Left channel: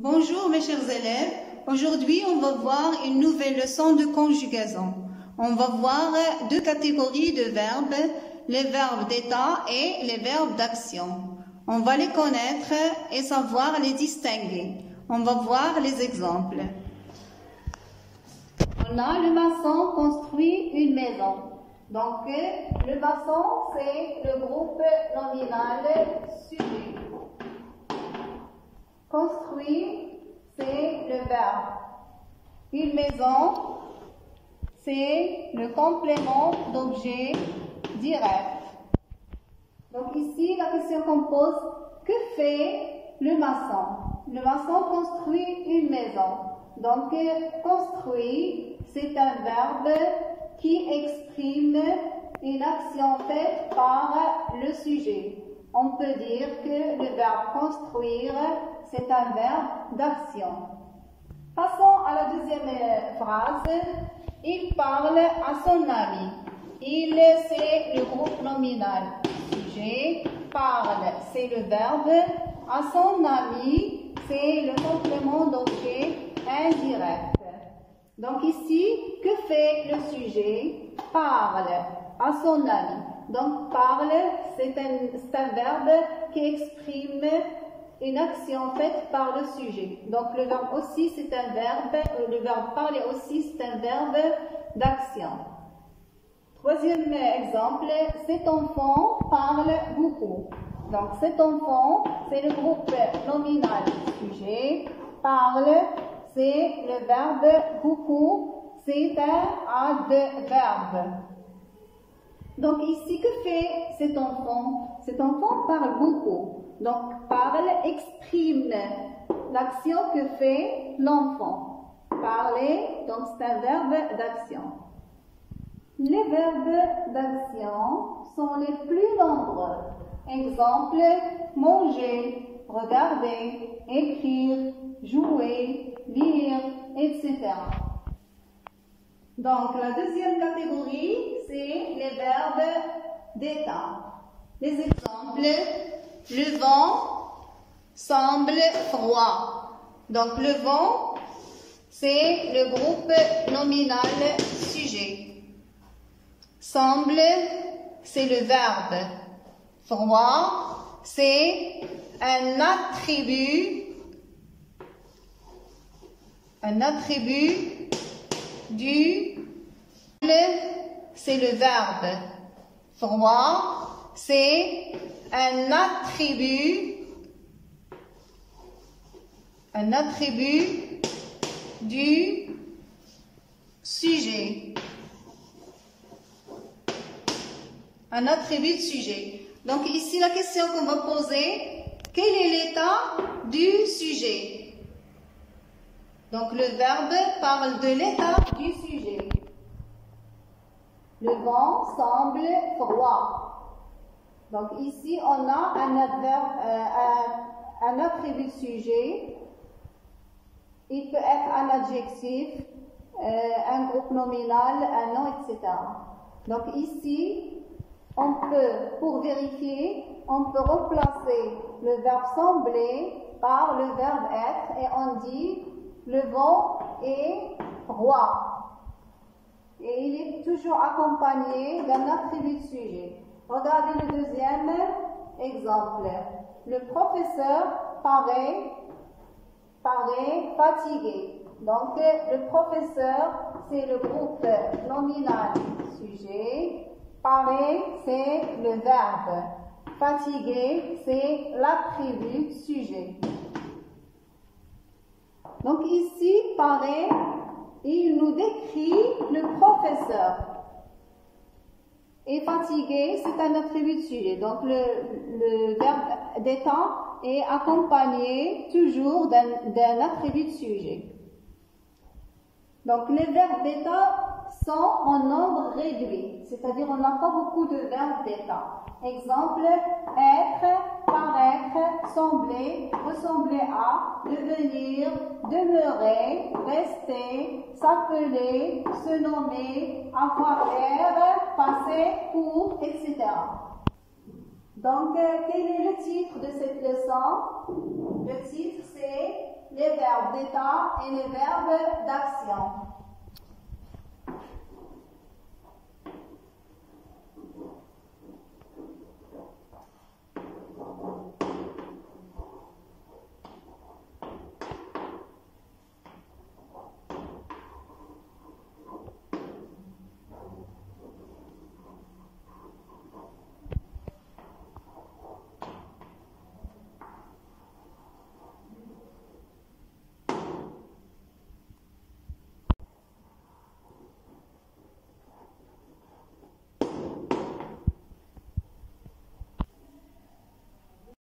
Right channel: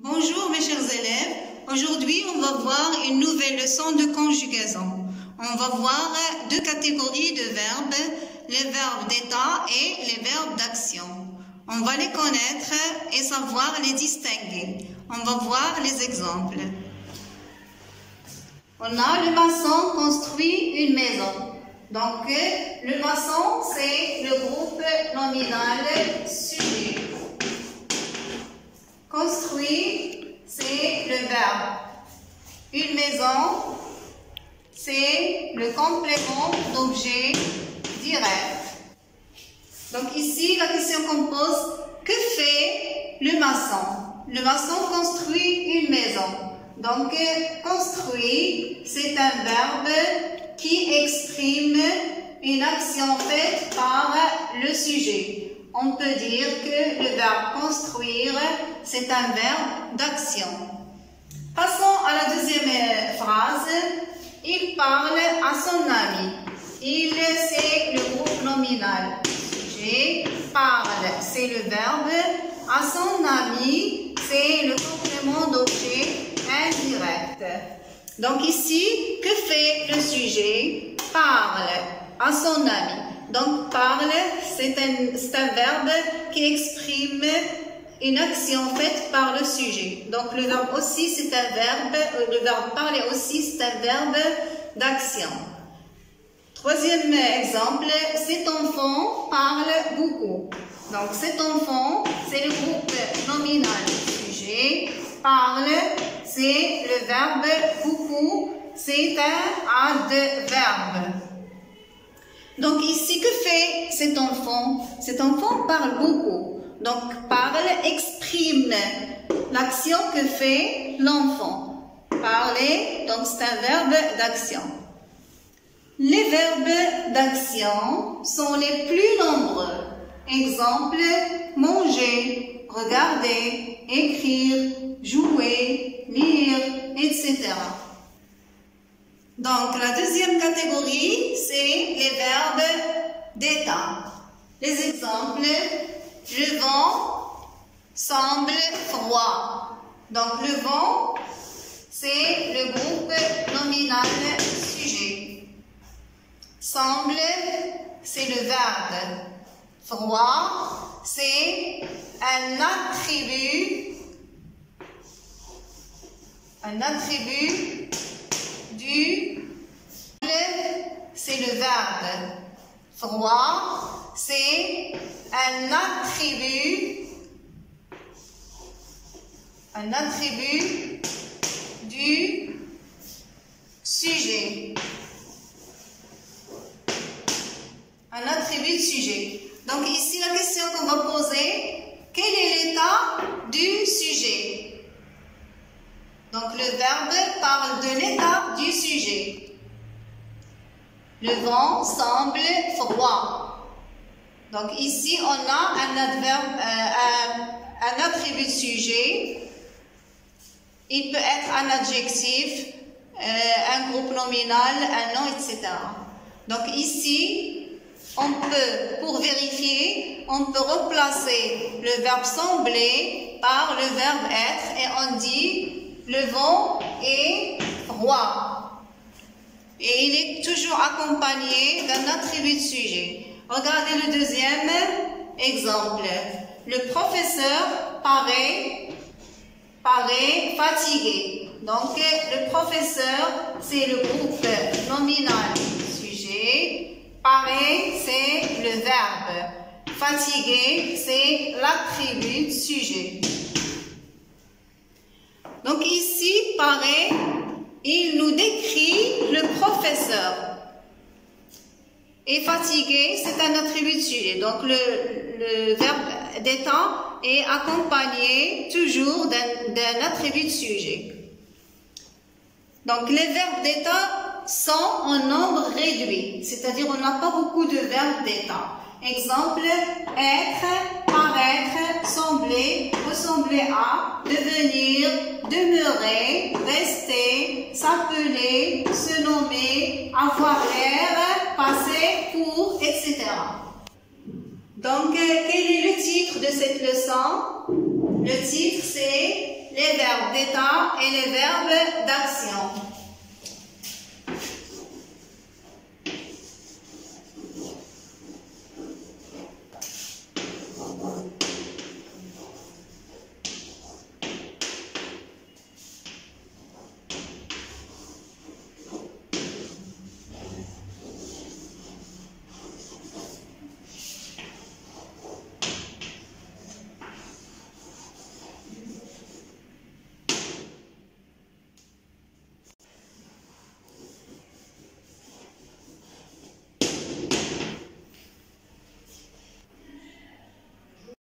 Bonjour mes chers élèves, aujourd'hui on va voir une nouvelle leçon de conjugaison. On va voir deux catégories de verbes, les verbes d'état et les verbes d'action. On va les connaître et savoir les distinguer. On va voir les exemples. On a le maçon construit une maison. Donc le maçon c'est le groupe nominal sujet. Construit, c'est le verbe. Une maison, c'est le complément d'objet direct. Donc ici, la question qu'on pose, que fait le maçon? Le maçon construit une maison. Donc, construit, c'est un verbe qui exprime une action faite par le sujet. On peut dire que le verbe construire, c'est un verbe d'action. Passons à la deuxième phrase. Il parle à son ami. Il, c'est le groupe nominal. Sujet, parle, c'est le verbe. À son ami, c'est le complément d'objet indirect. Donc ici, que fait le sujet? Parle à son ami. Donc, parle, c'est un verbe qui exprime une action faite par le sujet. Donc, le verbe aussi, c'est un verbe, le verbe parler aussi, c'est un verbe d'action. Troisième exemple, cet enfant parle beaucoup. Donc, cet enfant, c'est le groupe nominal sujet. Parle, c'est le verbe beaucoup, c'est un adverbe. Donc ici, que fait cet enfant? Cet enfant parle beaucoup. Donc parle exprime l'action que fait l'enfant. Parler, donc c'est un verbe d'action. Les verbes d'action sont les plus nombreux. Exemple, manger, regarder, écrire, jouer, lire, etc. Donc, la deuxième catégorie, c'est les verbes d'état. Les exemples, le vent semble froid. Donc, le vent, c'est le groupe nominal sujet. Semble, c'est le verbe. Froid, c'est un attribut du, c'est le verbe. Froid, c'est un attribut du sujet. Un attribut de sujet. Donc ici, la question qu'on va poser, quel est l'état du sujet? Donc, le verbe parle de l'état du sujet. Le vent semble froid. Donc, ici, on a un adverbe, un attribut de sujet. Il peut être un adjectif, un groupe nominal, un nom, etc. Donc, ici, on peut, pour vérifier, on peut remplacer le verbe sembler par le verbe être et on dit le vent est froid. Et il est toujours accompagné d'un attribut de sujet. Regardez le deuxième exemple. Le professeur paraît fatigué. Donc, le professeur, c'est le groupe nominal sujet. Paraît, c'est le verbe. Fatigué, c'est l'attribut de sujet. Donc ici, paraît, il nous décrit le professeur. Et fatigué, c'est un attribut de sujet. Donc le verbe d'état est accompagné toujours d'un attribut de sujet. Donc les verbes d'état sont en nombre réduit, c'est-à-dire on n'a pas beaucoup de verbes d'état. Exemple, être, paraître, sembler, ressembler à, devenir, demeurer, rester, s'appeler, se nommer, avoir l'air, passer, pour, etc. Donc, quel est le titre de cette leçon? Le titre, c'est les d'état et les verbes d'action.